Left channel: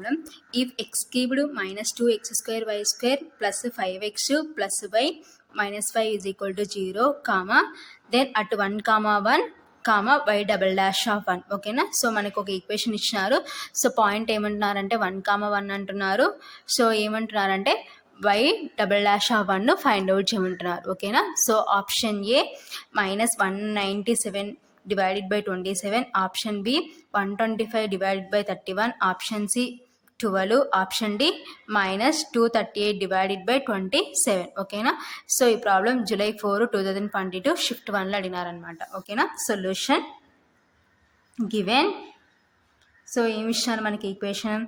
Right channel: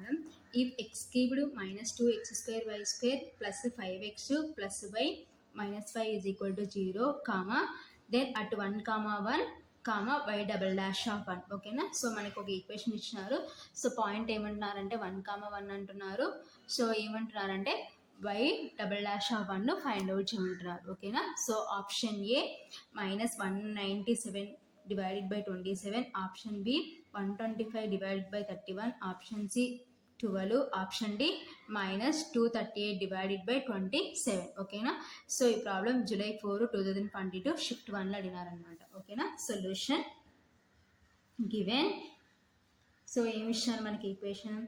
problem. If x cubed minus 2x square y square plus 5x plus y minus 5 is equal to 0, comma, then at 1, 1, comma y double dash of 1. ఓకేనా. So మనకు ఒక equation ఇచ్చినారు. So point ఏమంటున్నారంటే 1, 1 అంటున్నారు. So ఏమంటున్నారంటే y double dash of 1 find out చేయమంటున్నారు. ఓకేనా. So option A -197 divided by 27, option B 125 divided by 31, option C 12, option D -238 divided by 27. ఓకేనా. సో ఈ ప్రాబ్లం July 4, 2022 షిఫ్ట్ 1లో అడిగినారనమాట. ఓకేనా. Solution given. సో ఏమి ఇచ్చినారు మనకి equation?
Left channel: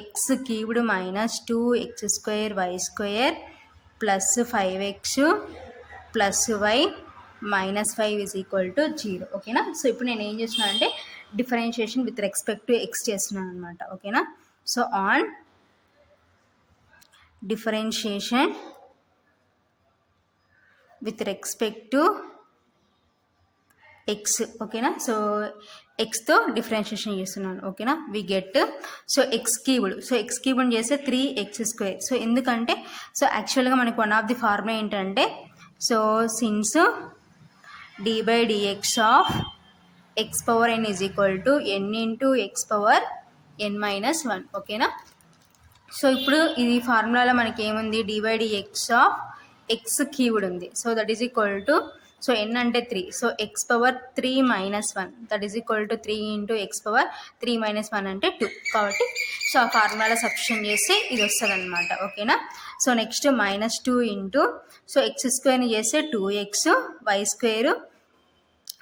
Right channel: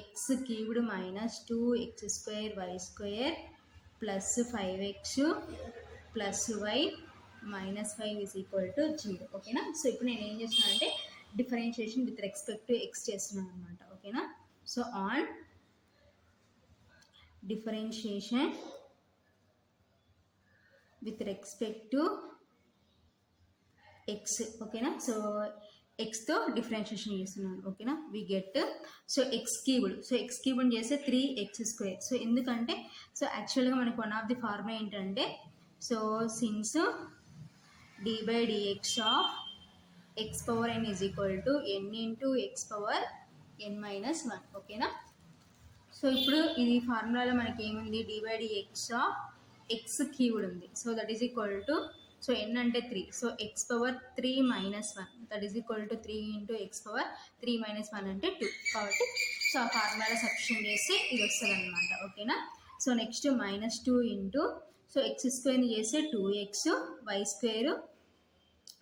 X cubed minus 2x square y square plus 5x plus y minus 5 is equal to 0. ఓకేనా. So ఇప్పుడు నేను ఏం చేస్తున్నాను అంటే differentiation with respect to x చేస్తున్నాను అనమాట. ఓకేనా. So on differentiation with respect to X. ఓకేనా. సో ఎక్స్తో డిఫరెన్షియేషన్ చేస్తున్నాను. ఓకేనా. We get so x cubed. So x cubed చేస్తే 3x స్క్వేర్. సో ఎందుకంటే సో యాక్చువల్గా మనకు వన్ ఆఫ్ ది ఫార్ములా ఏంటంటే so since d by dx of x power n is equal to n into x power n minus 1. ఓకేనా. So ఇప్పుడు ఈ ఫార్ములాలో మనకి ఏముంది? d by dx of x cubed ఉంది. So that is equal to so n అంటే 3. So x power 3 minus 1 that is equal to 3 into x power 3 minus 1 అంటే 2. కాబట్టి so ఆ ఫార్ములాలో సబ్స్టిట్యూషన్ చేస్తే ఇది వస్తుంది అనమాట. ఓకేనా. So next -2 into so X స్క్వేర్ని చేస్తే 2x వై స్క్వేర్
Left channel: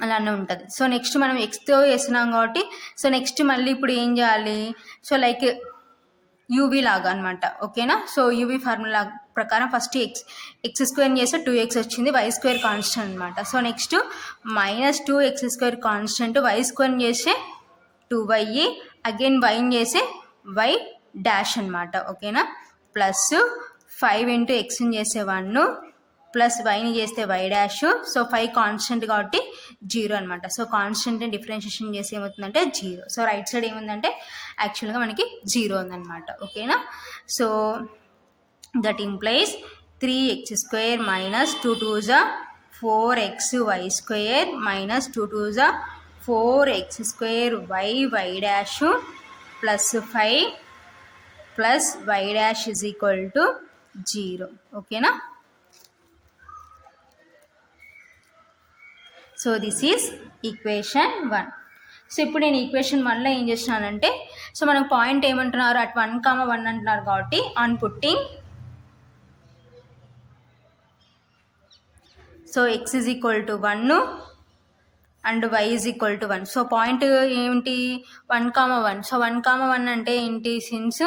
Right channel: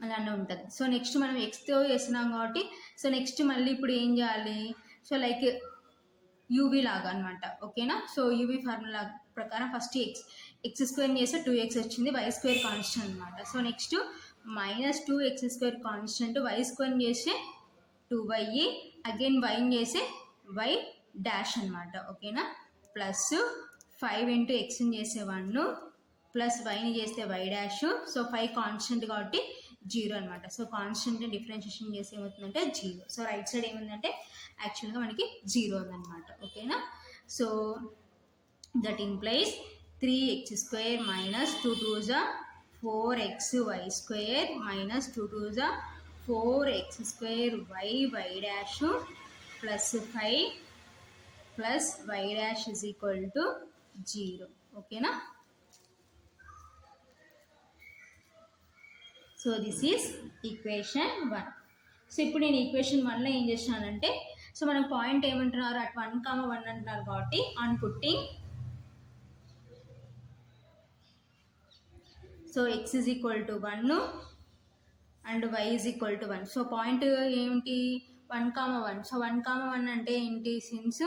అలానే ఉంటుంది. సో నెక్స్ట్ మనం ఎక్స్తో వేస్తున్నాం కాబట్టి సో నెక్స్ట్ మళ్ళీ ఇప్పుడు ఏం చేయాలి? సో లైక్ యూవీ లాగా అనమాట. ఓకేనా. సో యూవీ ఫార్ములా ప్రకారం ఫస్ట్ ఎక్స్ స్క్వేర్ని చేస్తే 2x వచ్చింది, వై స్క్వేర్ కాన్స్టెంట్ అనమాట. So next -2x square constant, Y స్క్వేర్ని చేస్తే 2y, అగైన్ వైని చేస్తే వై డాష్ అనమాట. ఓకేనా. ప్లస్ 5 ఇంటూ ఎక్స్ని చేస్తే 1 ప్లస్ వైని చేస్తే వై డాష్. సో 5 కాన్స్టెంట్ కాబట్టి 0 అనమాట. సో కాన్స్టెంట్ని డిఫరెన్షియేషన్ చేసి ఏమవుతుందంటే 0. సో రైట్ సైడ్ ఏముందంటే యాక్చువల్గా మనకి 0 ఉందన్నమాట. ఓకేనా. So that implies 3x square minus 2 2s 4xy square minus 2 2s 4x square y dash plus 5 plus why dash is equal to 0. ఓకేనా. So this is equation 1. So ఇప్పుడు నేను ఈక్వేషన్ 1లో ఏం చేస్తున్నానంటే సో మనకు పాయింట్ ఏమంటున్నారు? అట్ 1, 1 అంటున్నారు కాబట్టి on putting so x is equal to 1 and y is equal to 1. So point ఏంటి? 1, 1. సో 1, 1 అంటే ఏంటి? Since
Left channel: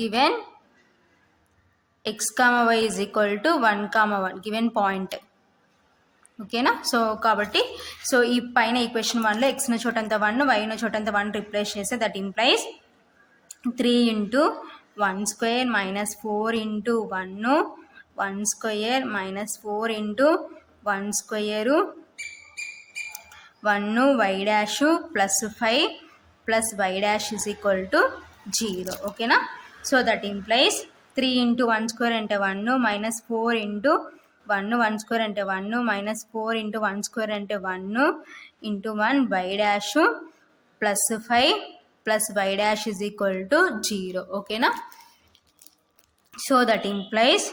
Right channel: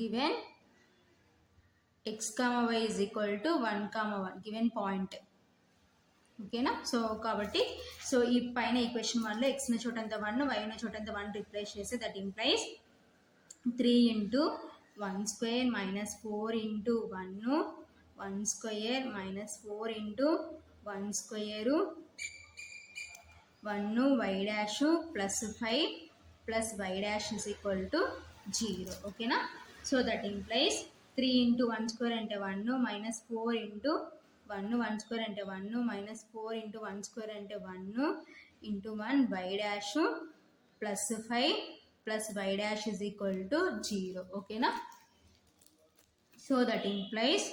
given x, y is equal to 1, 1 given point. ఓకేనా. సో కాబట్టి సో ఈ పైన ఈక్వేషన్ 1లో ఎక్స్న చోటంతా 1, వైన చోటంతా 1 రిప్లేస్ చేస్తే that implies 3 into 1 square minus 4 into 1 square minus 4 into 1 square 1 why dash plus 5 plus why dash is equal to 0. ఓకేనా. So that implies 3 into 1 square అంటే 1 minus 4 into 1 square అంటే 1 minus 4 into 1 square అంటే 1 into 1 why dash plus 5 plus why dash is equal to 0. ఓకేనా. So that implies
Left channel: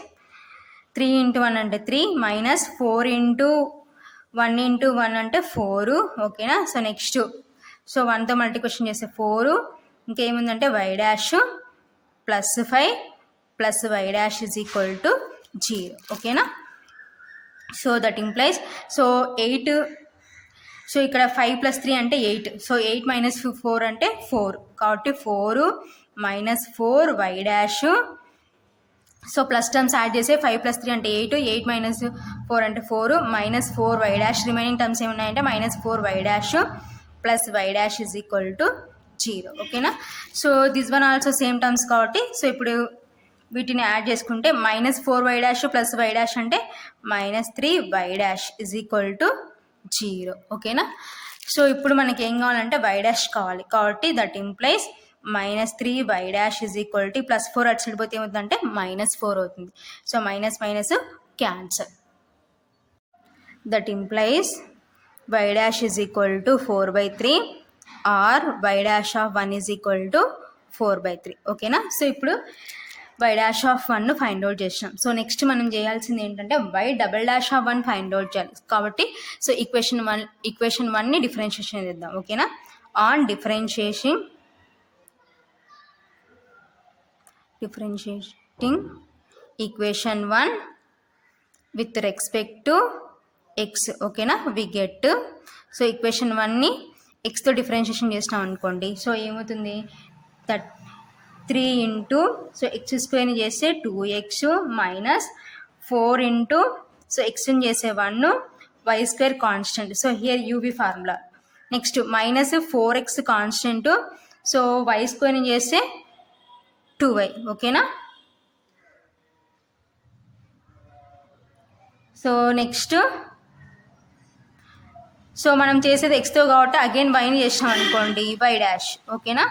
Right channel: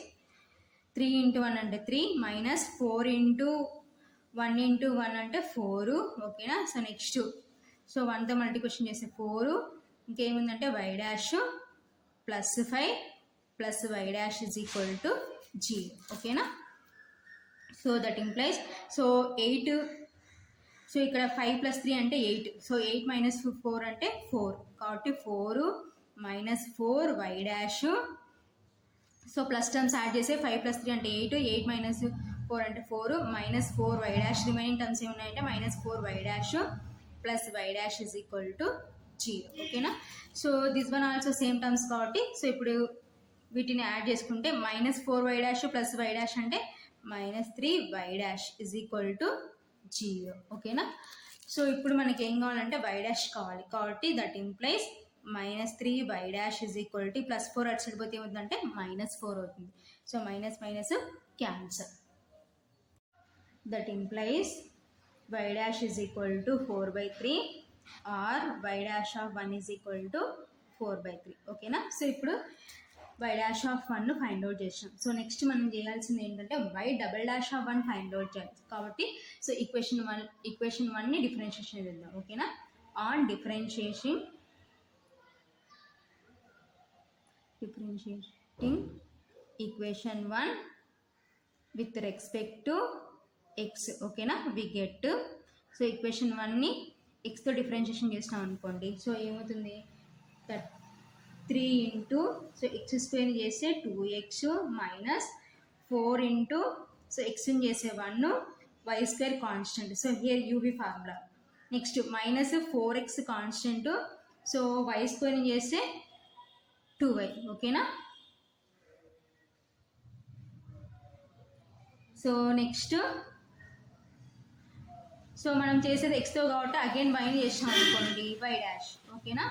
3 into 1 అంటే 3 minus 4 into 1 into 1 అంటే 4. ఓకేనా. So next so 1తో multiplication చేస్తే 4, ఇంకేముందంటే Y dash plus 5 plus why dash is equal to 0. ఓకేనా. So that implies so 8. సో ఇక్కడ 5 ప్లస్ 3 అంటే 8. సో 8 మైనస్ 4 అంటే 4 కాబట్టి 4 minus 4 why dash. So plus terms add చేస్తే 5 ప్లస్ 3 అంటే 8, 8 మైనస్ 4 అంటే 4 minus 4 why dash. Remaining terms ఏమున్నాయంటే -4 why dash plus why dash is equal to 0. ఓకేనా. So this one also same terms కాబట్టి so ఇప్పుడు వీటిని యాడ్ చేసుకుంటే -4 why dash plus why dash అంటే -3 Y dash is equal to 0. ఓకేనా. So ఇప్పుడు మనకి ఏం కావాలంటే వై డాష్ కావాలి కాబట్టి that implies -3y dash is equal to +4 అటు సైడ్ పోతే ఏమవుతుందంటే -4 అవుతుంది. So minus minus cancel. That implies y dash is equal to 4/3 or y dash of 1 is equal to 4/3. ఓకేనా. సో ఇప్పుడు y dash of 1 find out చేసినాం. So next మనం చేయాల్సింది ఏంటంటే y double dash of 1 find out చేయాలి. కాబట్టి so equation 1ని differentiation చేద్దాం. ఓకేనా. On differentiating equation 1 with respect to X. ఓకేనా. వి గెట్ సో ఈక్వేషన్ 1ని ఎక్స్తో డిఫరెన్షియేషన్ చేసినాం అనుకోండి. సో ఏమవుతుంది 3 ఇంటూ సో ఎక్స్ స్క్వేర్ని చేస్తే 2x మైనస్ 4 ఇంటూ సో ఎక్స్ని చేసే 1 Y square constant. So here UV formula. Next minus 4x constant. So Y స్క్వేర్ని చేస్తే 2y. ఓకేనా. సో నెక్స్ట్ సో మనం చేసేది ఎక్స్తో కాబట్టి అగైన్ వైని చేసినాం అనుకోండి వై డాష్. ఓకేనా.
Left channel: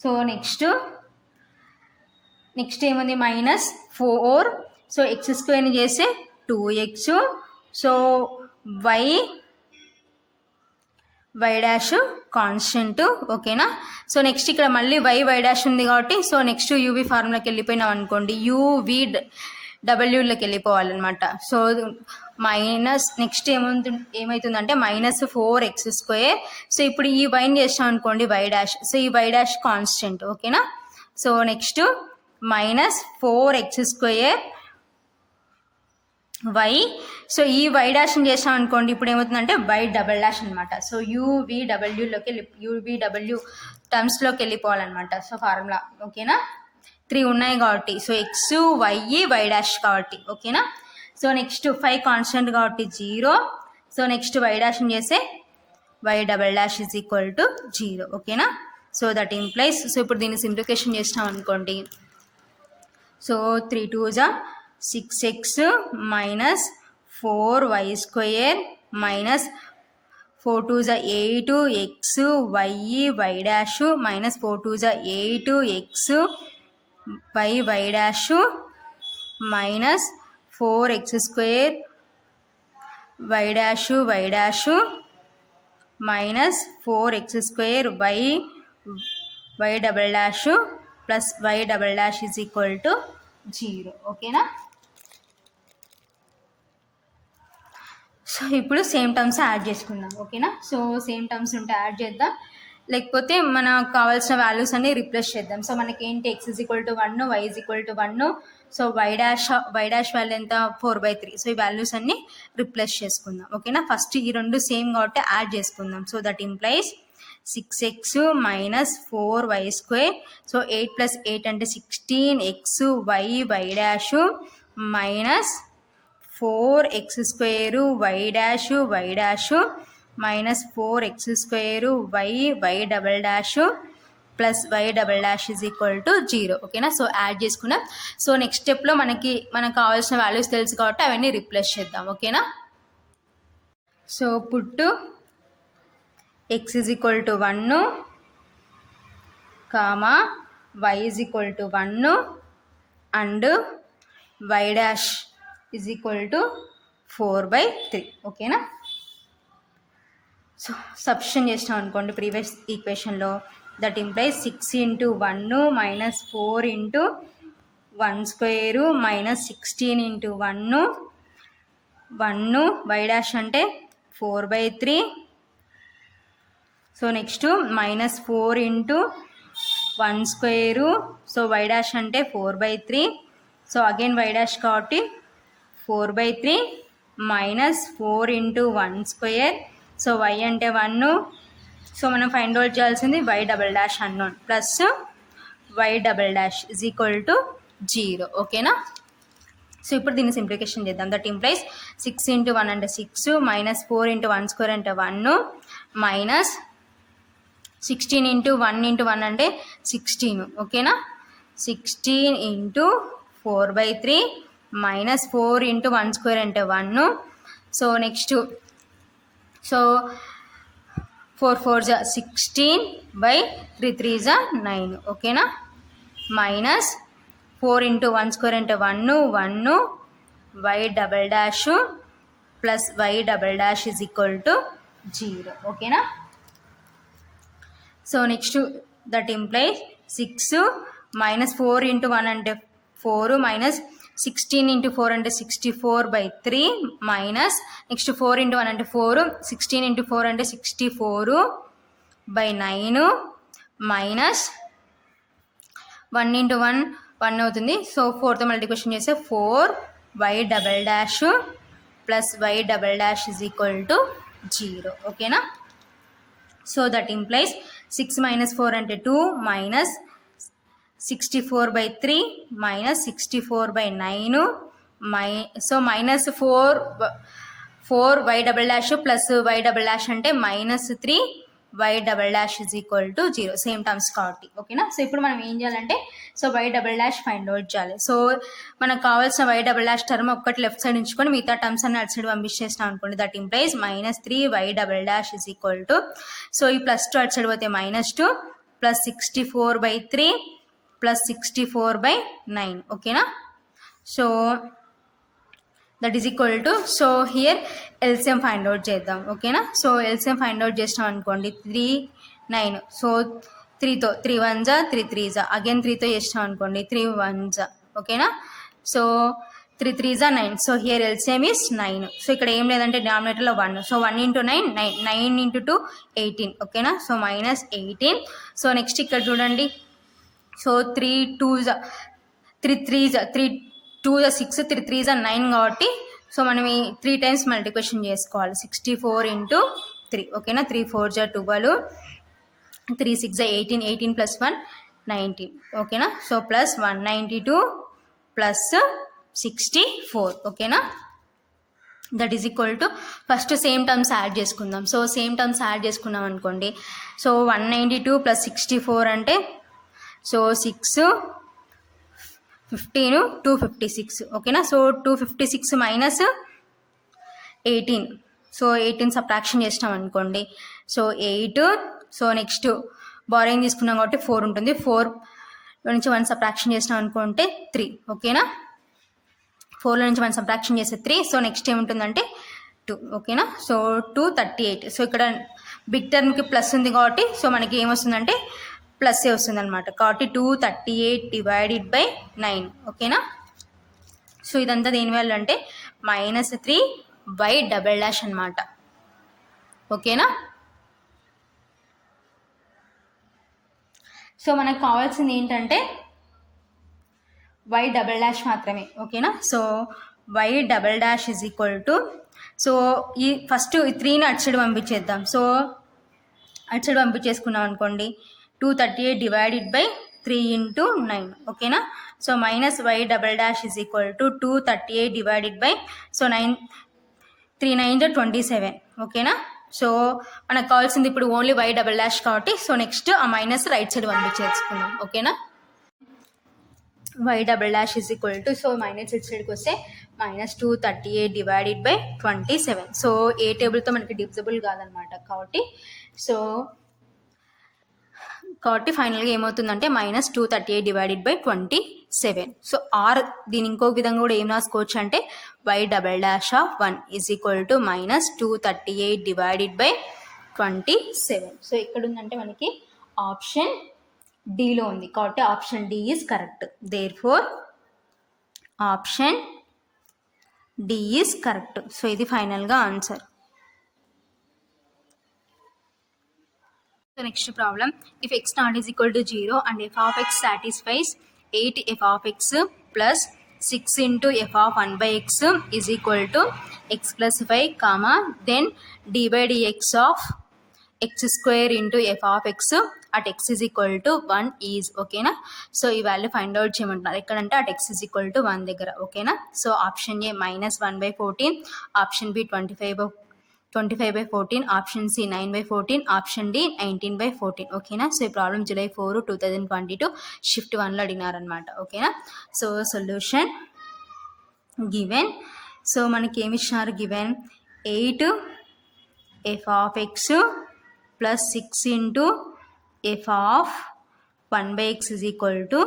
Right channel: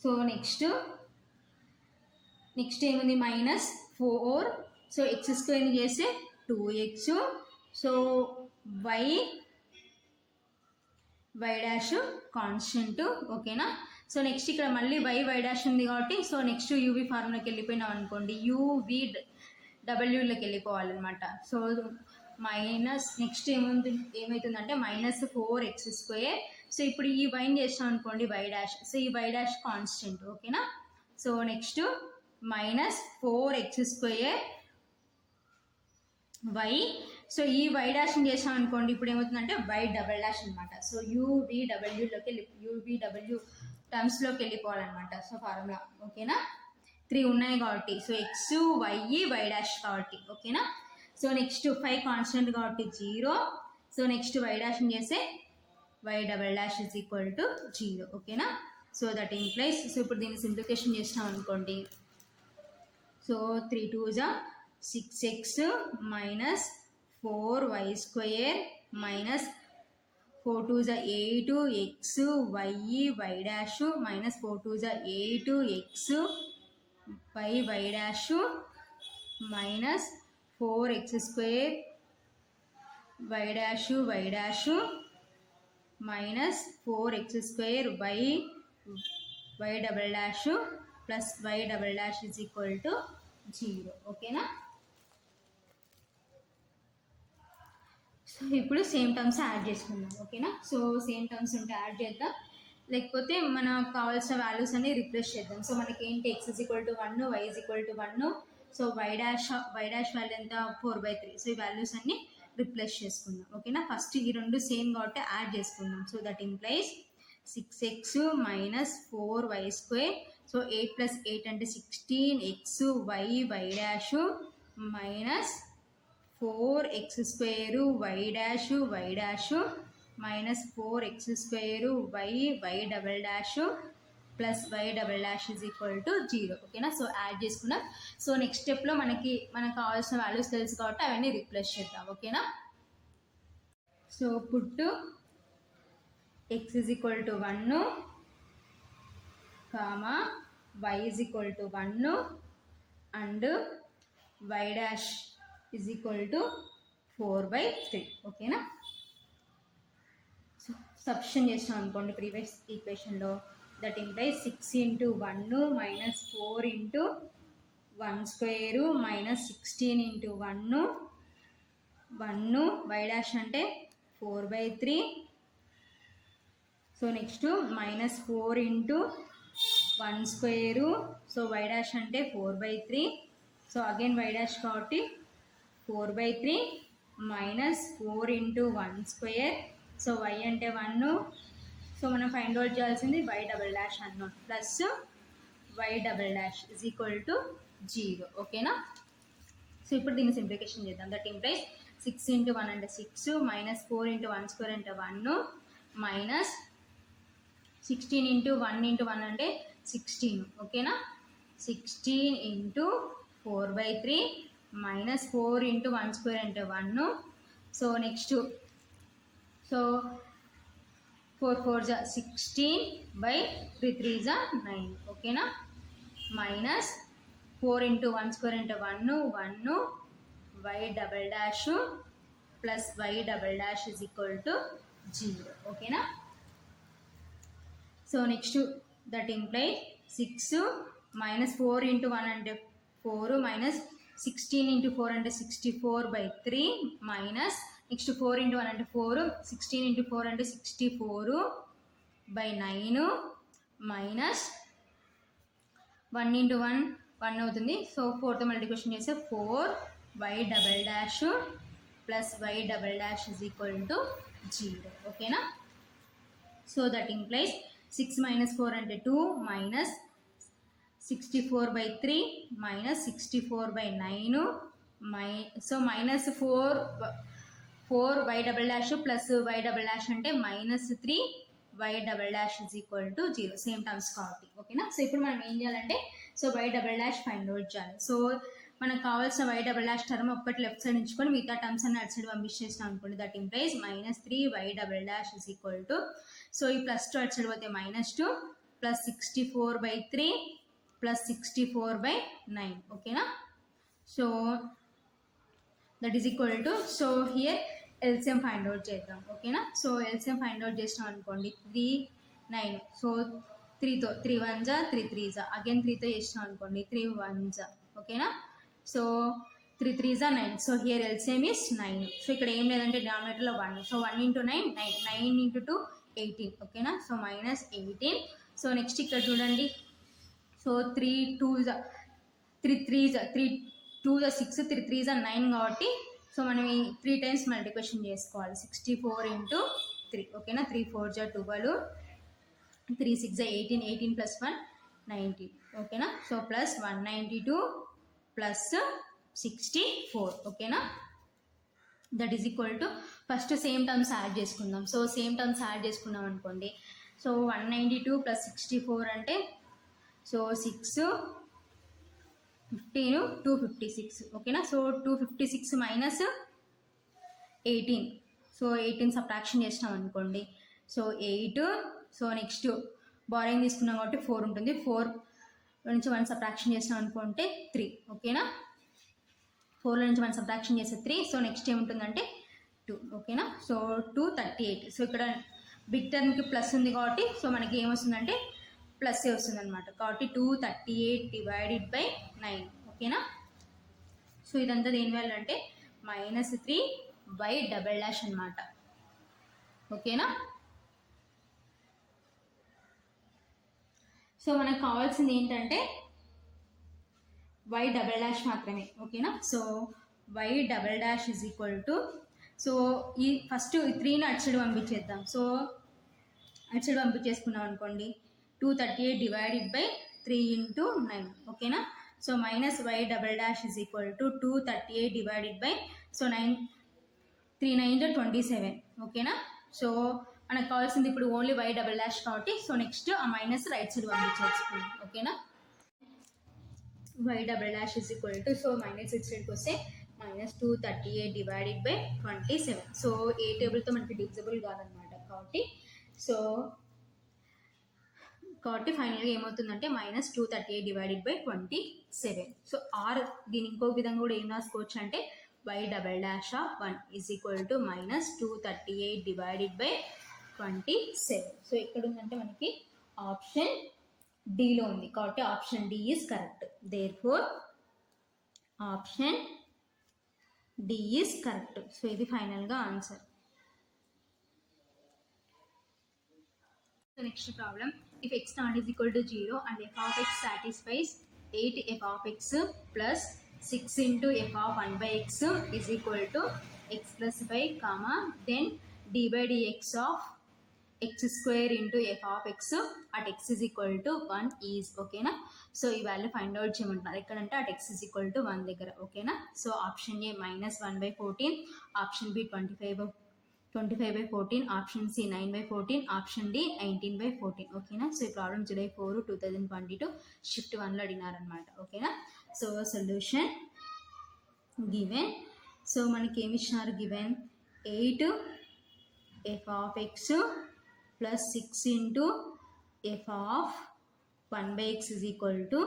సో నెక్స్ట్ ఏముంది -4 సో ఎక్స్ స్క్వేర్ని చేస్తే 2x. So why dash constant. ఓకేనా. సో నెక్స్ట్ ఇక్కడ మళ్ళీ వై డాష్ ఉంది కాబట్టి సో నెక్స్ట్ యూవి ఫార్ములాకి వెళ్ళిపోయినాం అనుకోండి యూవి డబ్ల్యూలోకి వెళ్ళిపోవాలన్నమాట. సో మైనస్ నెక్స్ట్ ఏమవుతుందంటే -4x². సో ఇప్పుడు ఈ వైని చేస్తాం అనుకోండి వై డాష్. సో ఈ వై డాష్ కాన్స్టెంట్. ఓకేనా. So next -4x² y. So ఈ వై డాష్ని చేసాం అనుకోండి ఇప్పుడు ఏమవుతుందంటే వై డబల్ డాష్ అనమాట. సో యూవీడబ్ల్యూ టర్మ్స్లోకి వెళ్ళిపోవాలన్నమాట. So formula. ఓకేనా. 3 ఉన్నాయి కాబట్టి సో ఎక్స్ వై డాష్ కాబట్టి. ఓకేనా. సో నెక్స్ట్ 5 కాన్స్టెంట్ కాబట్టి 0. సో నెక్స్ట్ వై డాష్ని చేస్తే y double dash is equal to 0. ఓకేనా. సో దట్ ఇంప్లైస్ సో ఇప్పుడు దీన్ని సింప్లిఫికేషన్ చేసినాం అనుకోండి. So 3 2 6x minus 4y² minus 4 2 8x y dash minus 4 2 8x y dash minus 4x² y dash minus 4x² y double dash plus y double dash is equal to 0. ఓకేనా. So ఇప్పుడు same terms add చేసుకుందాం. ఓకేనా. So same terms ఉంటే add చేద్దాం, లేకపోతే మనకు కావాల్సిన values అన్ని రిప్లేస్ చేద్దాం. సో మనకి ఏంటి x = 1 y = 1. So why dash value ఎంత 4/3. సో ఈ వాల్యూస్ అన్ని రిప్లేస్ చేసుకుందాం. ఓకేనా. ఫస్ట్ ఈ రెండు సేమ్ కాబట్టి యాడ్ చేసుకుందాం. So that implies 6x minus 4y². So 8 + 8 అంటే 16x y dash minus 4x² y dash minus 4x² y double dash plus y double dash is equal to 0. ఓకేనా. So add చేసుకున్నాం. So next స్టెప్లో మనకు కావాల్సిన values తెలుసు కాబట్టి అవన్నీ replace చేద్దాం. ఓకేనా. సో పుట్టు x = 1 comma y = 1 and Y dash = 4/3. ఓకేనా. సో సబ్స్టిట్యూషన్ చేసినాం అనుకోండి ప్రీవియస్ ఈక్వేషన్లో. That implies 6 × 1 minus 4 × 1² minus 16 × 1 why dash అంటే 4/3. So next -4 × 1². So why dash అంటే 4/3. సో అగైన్ వై డాష్ కాబట్టి 4/3 మైనస్ 4 × 1². సో వై అంటే 1. సో మనం ఫైండ్ అవుట్ చేయాల్సింది y double dash unknown plus y double dash is equal to 0. ఓకేనా. So ఇప్పుడు దీన్ని simplification చేద్దాం. దట్ ఇంప్లైస్ 6 × 1 అంటే 6 మైనస్ 4 × 1² అంటే 1 మైనస్ 16 × 1 × 1 అంటే 16. ఓకేనా. 16 × 4/3 మైనస్ 4 × 1² అంటే 1. సో నెక్స్ట్ సో 4 4 జా 16/3 3 ఓకేనా. మైనస్ 4 × 1 స్క్వేర్ అంటే 1 1 y double dash plus y double dash is equal to 0 ఓకేనా. So next that implies 6 minus 4 × 1 అంటే 4 మైనస్ 16 × 4 అంటే 64/3 మైనస్ నెక్స్ట్ 4 × 1 అంటే 4 16 × 4 అంటే 64/9 మైనస్ 1 × 1 1 అవుతుంది. సో 4తో మల్టిప్లికేషన్ చేస్తే 4y double dash plus y double dash is equal to 0 ఓకేనా. So that implies 6 minus 4 అంటే 2 minus 64/3 minus 64/9 so minus 4y double dash plus y double dash అంటే minus 3y double dash is equal to 0 same terms కాబట్టి ఓకేనా. So ఇప్పుడు మనం ఏం చేయాలంటే so y double dash find out చేయాలి. So మనకు కావాల్సిన y డబల్ డాష్ టర్మ్ ఒక్కటి లెఫ్ట్ సైడ్ ఉంచుకొని మిగతా టర్మ్స్ అన్ని అటు సైడ్ పంపించేసినాం అనుకోండి. That implies minus 3y double dash is equal to so ఈ +2 అటు సైడ్ పోతే -2 ప్లస్ 64/3 ప్లస్ 64/9 ఓకేనా. So that is equal to so here LCM find out చేద్దాం ఓకేనా. సో ఎల్సిఎం ఫైండ్ అవుట్ చేసినాం అనుకోండి 3 9 సో 3తో 3 1 జా 3 3 జా అగైన్ 3తో చేసినాం అనుకోండి 3 1 జా ఓకేనా. సో 3 3 జా 9 so here LCM is 9. So ఇక్కడ ఏం లేదంటే డినామినేటర్లో 1 సో 1 × 9 9 9 × 2 18 ఓకేనా. సో -18 సో నెక్స్ట్ ఇక్కడ చూడండి సో 3 2 జా 3 3 జా 3 2 జా 6 3 3 జా 9 కాబట్టి సో మనం ఈ 3 టైమ్స్ మల్టిప్లికేషన్ చేసుకోవాలి 64 × 3 ఓకేనా. 3 4 జా 12 3 6 జా 18 18 ప్లస్ 1 19 ఓకేనా. సో ప్లస్ 192 ప్లస్ 64 ఓకేనా. That is equal to first same terms add చేసుకుందాం. సో సేమ్ టర్మ్స్ యాడ్ చేసుకున్నాం అనుకోండి సో 192 ప్లస్ 64 అంటే సో 6 15 256 ఓకేనా. సో 256 మైనస్ 18 సో 18 సబ్ట్రాక్షన్ చేసినాం అనుకోండి సో 8 సో నెక్స్ట్ బారోయింగ్ తీసుకున్నాం కాబట్టి 4 ఉంటుంది 4 నుంచి 1 సబ్ట్రాక్షన్ చేసినాం అనుకుంటే 3 ఓకేనా. 4లో నుంచి 1 సబ్ట్రాక్షన్ చేస్తే 3 సో నెక్స్ట్ ఏముంటుందంటే 2 ఓకేనా. సో 238 సో ఇక్కడ బిగ్ టర్మ్కి ప్లస్ ఉంది కాబట్టి సో మనకి ఏమొస్తుందంటే ప్లస్ వస్తుంది అనమాట కాబట్టి 238/9 ఓకేనా. సో ఇదంతా దేని వల్ల అంటే -3y డబల్ డాష్ అనమాట ఓకేనా. సో మనకు కావాల్సింది ఏంటంటే y డబల్ డాష్ మాత్రమే ఓకేనా. So y double dash is equal to so ఈ ఫస్ట్ 3ని అటు సైడ్ పంపించేద్దాం. సో అటు సైడ్ పంపించేసుకున్నాం అనుకోండి 238/3 × 9 ఓకేనా. So minus y double dash is equal to 238 so 9 3 9 27 ఓకేనా. సో మనకు కావాల్సింది ఇప్పుడు ఓన్లీ y డబల్ డాష్ కాబట్టి సో నెక్స్ట్ ఆ మైనస్ రైట్ సైడ్ పంపించేసుకుందాం ఓకేనా. y double dash is equal to so minus it సైడ్కి వస్తే -238/27 సో ఏ టేబుల్తో మనకి డివిజిబుల్ కాదనమాట కాబట్టి ఫైనల్గా ఏమవుతుందంటే -238/27 సో ఆర్ దీని ఇంకో విధంగా కూడా ఏం రాసుకోవచ్చు అంటే y double dash of 1 is equal to -238/27 so ఎక్కడ ఉందంటే మనకి ఆప్షన్ డిలో ఉంది కాబట్టి option D is correct. Therefore option D is correct. So ఇది ఫైనల్గా answer. So next problem, if x naught is equal to 0 and f of x satisfies 8 f of x plus 6 into f of 1 by x is equal to x plus 5 comma then d by dx of x square into f of x at x is equal to 1 is ఓకేనా. So ఈ value find out చేయమంటున్నారు ఎక్కడంటే at x is equal to 1 దగ్గర ఓకేనా. So option A -1/14 option B 25/14 option C 9/14 option D 19/14 ఓకేనా. So ఈ problem July 4, 2022 shift 1లో అడిగినారనమాట ఓకేనా. సో సొల్యూషన్ గివెన్ సో మనకి ఏమి ఇచ్చినారు గివెన్ 8 f of x ప్లస్ 6 into F of 1/x is equal to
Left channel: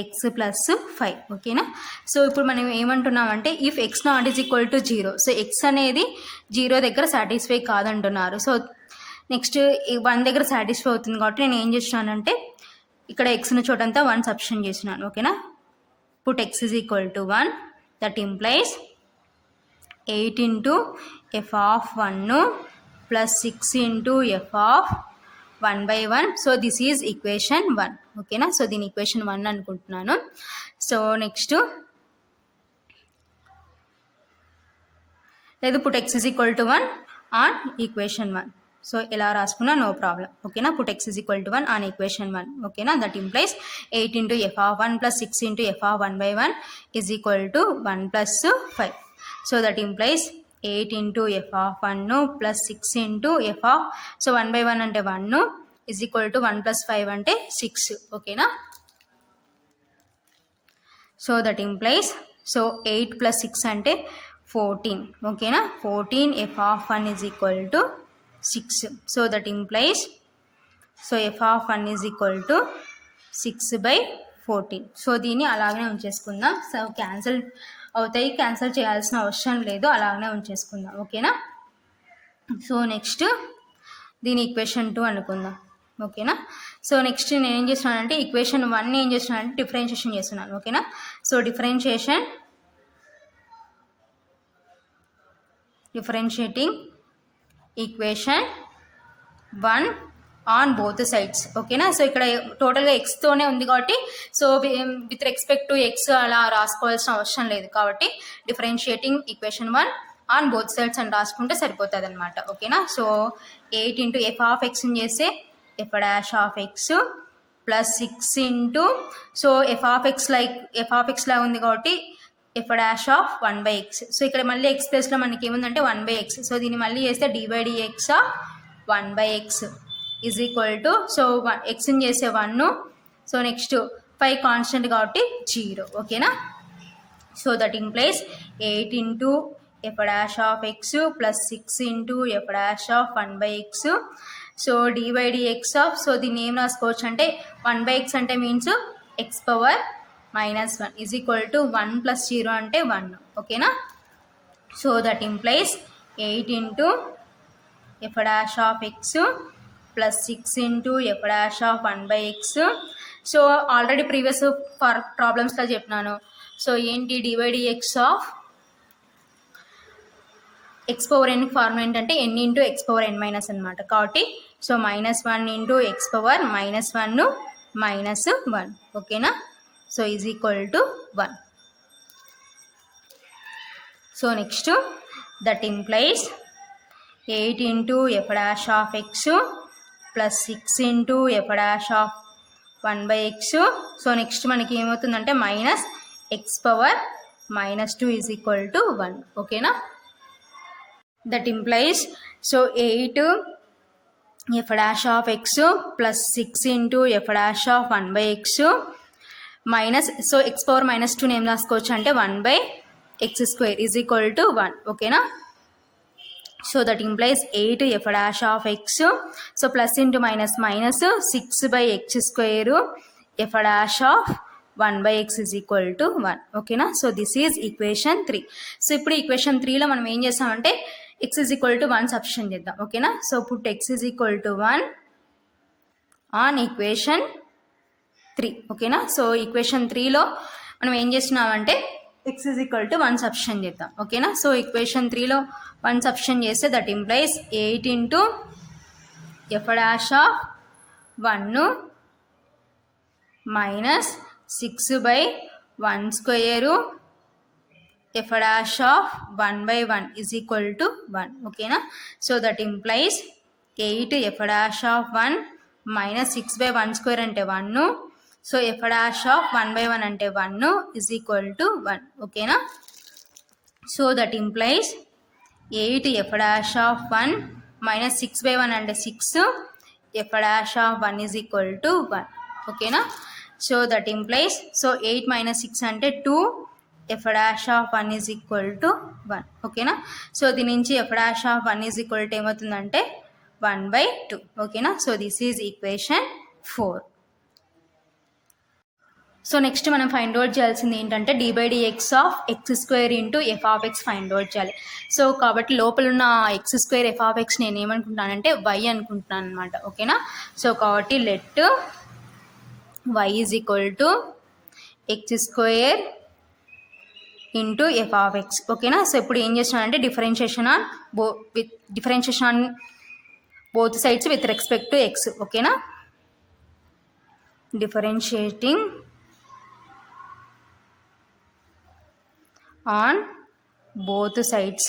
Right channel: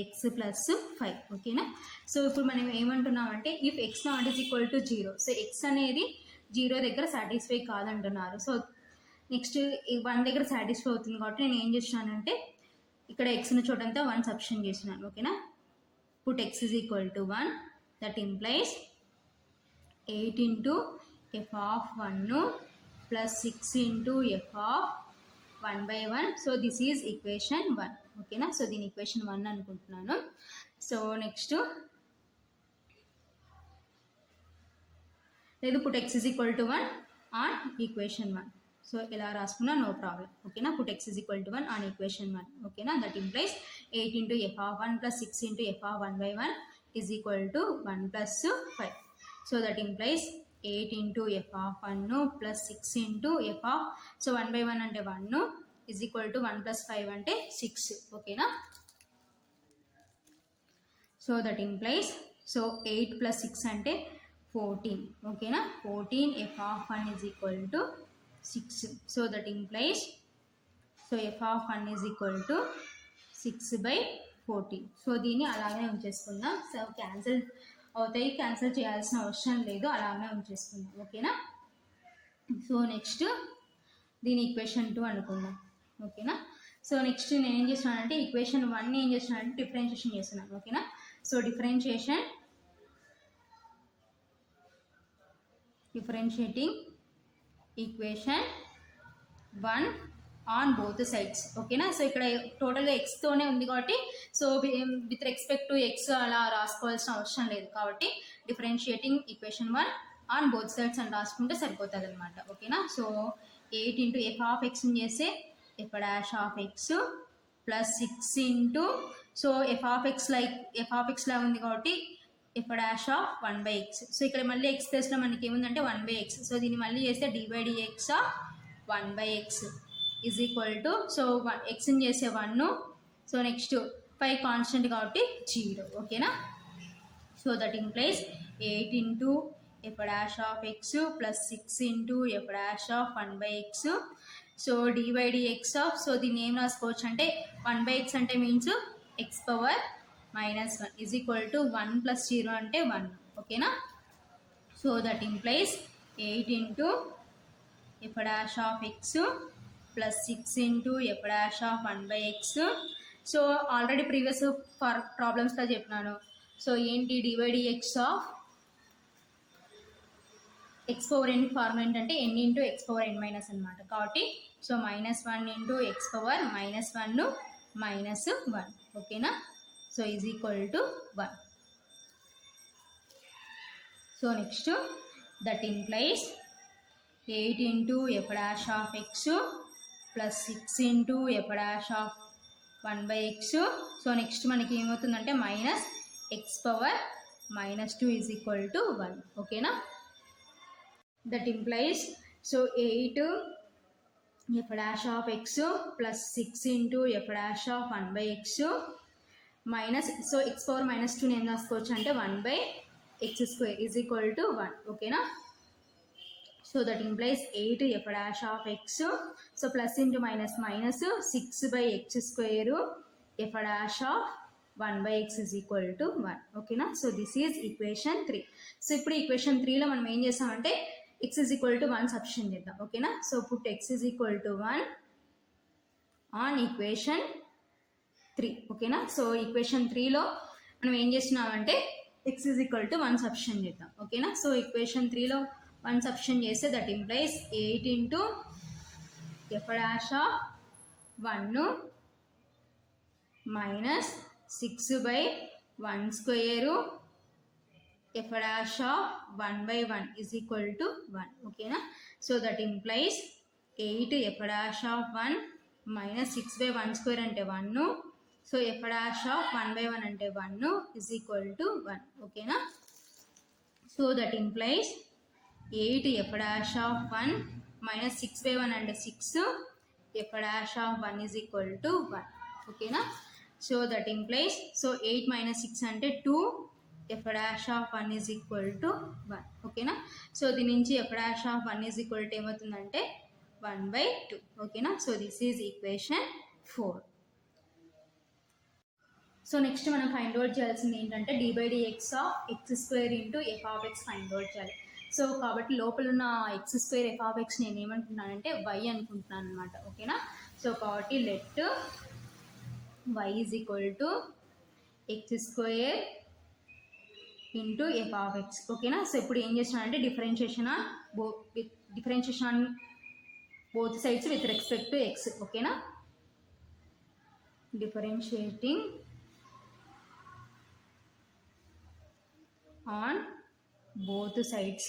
X plus 5. ఓకేనా. సో ఇప్పుడు మనం ఏమంటున్నామంటే if X naught is equal to 0, so X అనేది 0 దగ్గర సాటిస్ఫై కాదంటున్నారు. సో నెక్స్ట్ 1 దగ్గర సాటిస్ఫై అవుతుంది కాబట్టి నేను ఏం చేస్తున్నానంటే ఇక్కడ ఎక్స్ని చోటంతా 1 సబ్స్టిట్యూట్ చేసినాను. ఓకేనా. Put X is equal to 1, that implies 8 into F of 1 plus 6 into F of 1/1. So this is equation 1. ఓకేనా. సో దీని ఈక్వేషన్ 1 అనుకుంటున్నాను. సో నెక్స్ట్ లేదు put X is equal to 1 on equation 1. So ఎలా రాసుకున్నా no problem. ఓకేనా. Put X is equal to 1 on equation 1. ఓకేనా. That implies 8 into F of 1 plus 6 into F of 1/1 is equal to 1 plus 5. So that implies 8 into F of 1 plus 6 into F of, so 1/1 అంటే 1 is equal to 1 plus 5 అంటే 6. ఓకేనా. So that implies so 8 plus 6 అంటే 14. ఓకేనా. 14 F of 1 is equal to 6. So that implies so f of 1 is equal to 6/14. So దీన్ని అలాగనే ఉంచేసుకుందాం. So cancel అవుతాయి, cancel చేయాల్సిన అవసరం లేదు, అలాగనే ఉంచేసుకుందాం. ఓకేనా. సో నెక్స్ట్ దీని ఈక్వేషన్ 2 అనుకుందాం. ఓకేనా. సో నెక్స్ట్ నేను ఏం చేస్తున్నానంటే ఈక్వేషన్ 1 ఏం చేస్తున్నానంటే డిఫరెన్షియేషన్ చేస్తున్నాను. ఓకేనా. So differentiating equation 1 on both sides. ఓకేనా. సో ఇక్కడ టోటల్గా ఎక్స్తోనే ఉంది కాబట్టి so with respect to x అలా రాసుకోవాల్సిన అవసరం లేదు కాబట్టి differentiating equation 1 on both sides అని రాసుకుంటే సరిపోతుంది అనమాట. ఓకేనా. సో 8 ఇంటూ ఎఫ్ ఆఫ్ ఎక్స్ని చేస్తే f dash of x plus 6 into so f of x లా ఉంది కాబట్టి F dash of 1/x. So ఇక్కడ మళ్ళీ ఎక్స్ ప్లేస్లో మనకి ఏముందంటే 1/x. సో దీన్ని మళ్ళీ చేస్తే d/dx of 1/x is equal to so ఎక్స్ని చేసే 1, సో నెక్స్ట్ 5 కాన్స్టెంట్ కాబట్టి 0. ఓకేనా. So that implies 8 into f dash of x plus 6 into f dash of 1/x. So d/dx of so దీన్ని ఏం రాసుకోవచ్చు అంటే 1/x అంటే means x power -1 is equal to 1 plus 0 అంటే 1. ఓకేనా. So that implies 8 into f dash of x plus 6 into f dash of 1/x. So already previous ప్రాబ్లమ్స్లో చెప్పినాను. So ఏంటి d/dx of x power n form ఏంటంటే n into x power n minus అనమాట. కాబట్టి so -1 into x power -1 -1. ఓకేనా. So is equal to 1. So next that implies 8 into f dash of x plus 6 into f dash of 1/x. So next మనకి ఏమవుతుందంటే minus X power -2 is equal to 1. ఓకేనా. That implies so 8 F dash of x plus 6 into f dash of 1/x minus so X power -2 ఏం రాసుకోవచ్చు అంటే 1/x² is equal to 1. ఓకేనా. So that implies 8 F dash of X so plus into minus 6/x² F dash of 1/x is equal to 1. ఓకేనా. So this is equation 3. So ఇప్పుడు equation 3లో మనం ఏం చేస్తామంటే x is equal to 1 substitute చేద్దాం. ఓకేనా. So put x is equal to 1 on equation 3. ఓకేనా. So equation 3లో మనం ఏం చేస్తున్నామంటే x is equal to 1 substitute చేద్దాం. ఓకేనా. సో ఈక్వేషన్ 3లో 1 సబ్స్టిట్యూట్ చేస్తే that implies 8 into f dash of 1 minus 6/1² F dash of 1/1 is equal to 1. ఓకేనా. So that implies 8 F dash of 1 minus 6/1² అంటే 1. So F dash of 1/1 అంటే 1 is equal to 1. ఓకేనా. So that implies 8 F dash of 1 minus 6/1 అంటే 6, F dash of 1 is equal to 1. ఓకేనా. So that implies so 8 minus 6 అంటే 2, F dash of 1 is equal to 1. ఓకేనా. So దీని నుంచి F dash of 1 is equal to ఏమవుతుందంటే 1/2. ఓకేనా. So this is equation 4. So next మనం find out చేయాల్సింది ఏంటంటే d/dx of x² into f of x find out చేయాలి. సో కాబట్టి లోపల ఉన్న x² f ఆఫ్ x నేను ఏమనుకుంటున్నానంటే y అనుకుంటున్నాను అనమాట. ఓకేనా. సో కాబట్టి let y is equal to x² into f of x. ఓకేనా. సో ఇప్పుడు ఏం చేస్తున్నానంటే differentiation on both sides with respect to x. ఓకేనా. Differentiating on both sides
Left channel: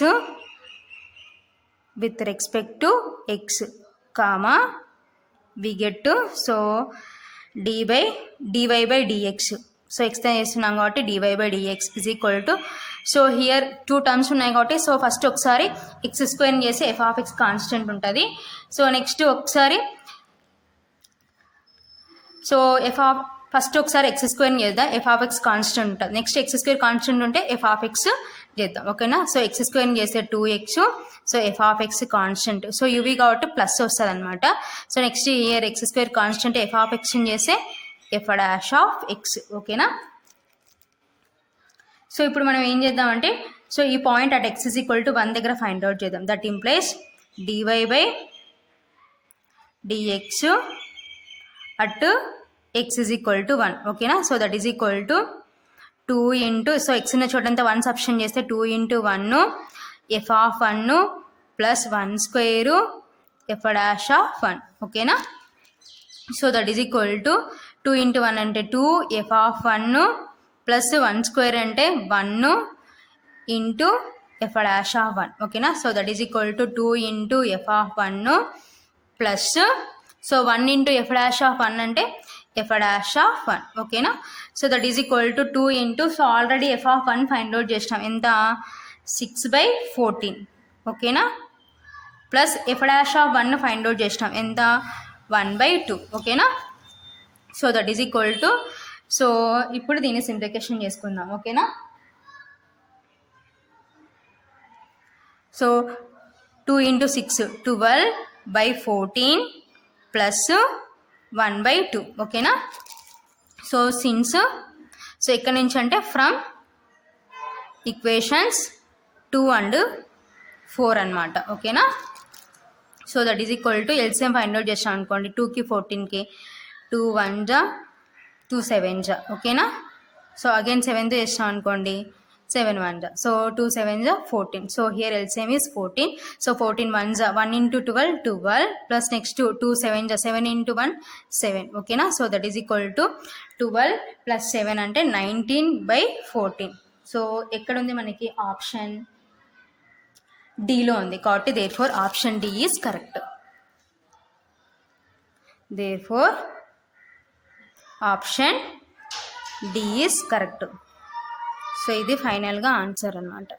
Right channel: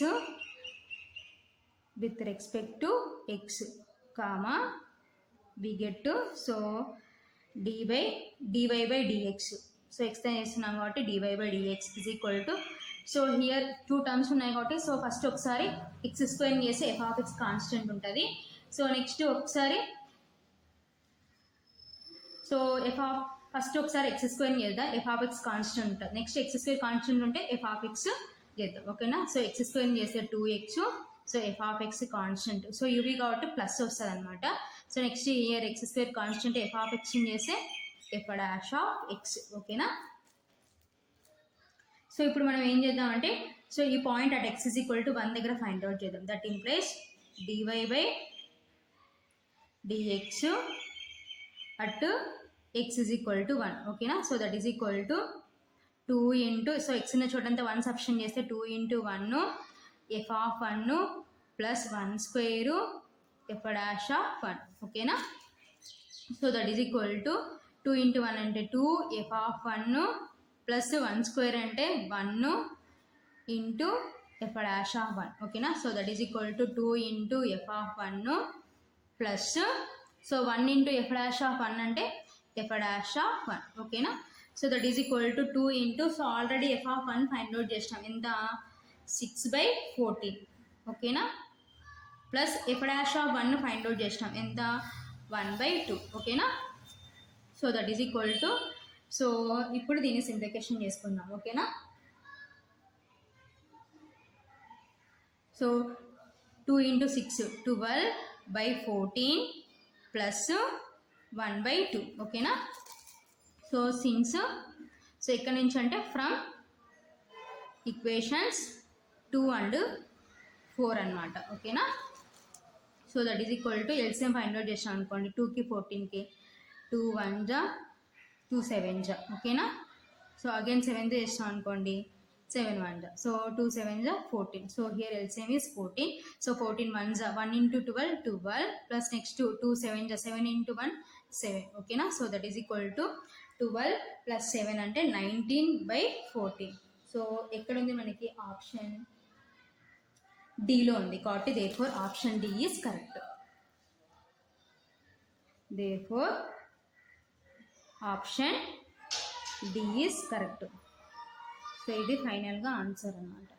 with respect to x, comma we get to so dy by dx. So extend చేస్తున్నాం కాబట్టి dy by dx is equal to so here 2 terms ఉన్నాయి కాబట్టి so first ఒకసారి x² చేసి f of x constant ఉంటుంది. So next ఒకసారి so first ఒకసారి x² చేద్దాం, f ఆఫ్ x కాన్స్టెంట్ ఉంటుంది. నెక్స్ట్ x² కాన్స్టెంట్ ఉంటే f ఆఫ్ x చేద్దాం. ఓకేనా. సో x² చేస్తే 2x, so f of x constant, so uv కాబట్టి ప్లస్ వస్తుంది అనమాట. So next year x² constant f of x చేస్తే f డాష్ ఆఫ్ x. ఓకేనా. సో ఇప్పుడు మనం ఏం చేద్దామంటే సో ఈ point at x is equal to 1 దగ్గర ఫైండ్ అవుట్ చేద్దాం. That implies dy by dx at x is equal to 1. ఓకేనా. So that is equal to 2 into so x ఉన్న చోటంతా 1 సబ్స్టిట్యూట్ చేస్తే 2 into 1 f of 1 plus 1² f dash of 1. ఓకేనా. So that is equal to 2 into 1 అంటే 2 f of 1 plus 1² అంటే 1 into f dash of 1. ఓకేనా. So that is equal to 2 into f of 1 plus so 1 into f dash of 1 అంటే f dash of 1. ఓకేనా. So that is equal to 2 into so already f of 1 find out చేసినాం ఎంత 6/14. ఓకేనా. Plus f dash of 1 find out చేసినాం ఎంత 1/2. ఓకేనా. So that is equal to so ఇప్పుడు దీన్ని సింప్లిఫికేషన్ చేసుకుందాం. ఓకేనా. So 2 into 6 12/14 plus 1/2. ఓకేనా. సో సిన్స్ సో ఇక్కడ నుంచి అంటే ఫ్రమ్ ఈక్వేషన్స్ 2 and 4 అనమాట. ఓకేనా. So that is equal to LCM find out చేసాం అనుకోండి 2కి 14కి 2 1 జా 2 7 జా. ఓకేనా. సో అగైన్ 7తో చేసాం అనుకోండి 7 1 జా. సో 2 7 జా 14. So here LCM is 14. So 14 1 జా 1 ఇంటూ 12 12 ప్లస్ నెక్స్ట్ 2 7 జా 7 ఇంటూ 1 7. ఓకేనా. So that is equal to 12 plus 7 అంటే 19/14. సో ఎక్కడ ఉంది మనకి ఆప్షన్ డీలో ఉంది కాబట్టి therefore option D is correct. Therefore option D is correct. So ఇది ఫైనల్గా ఆన్సర్ అన్నమాట.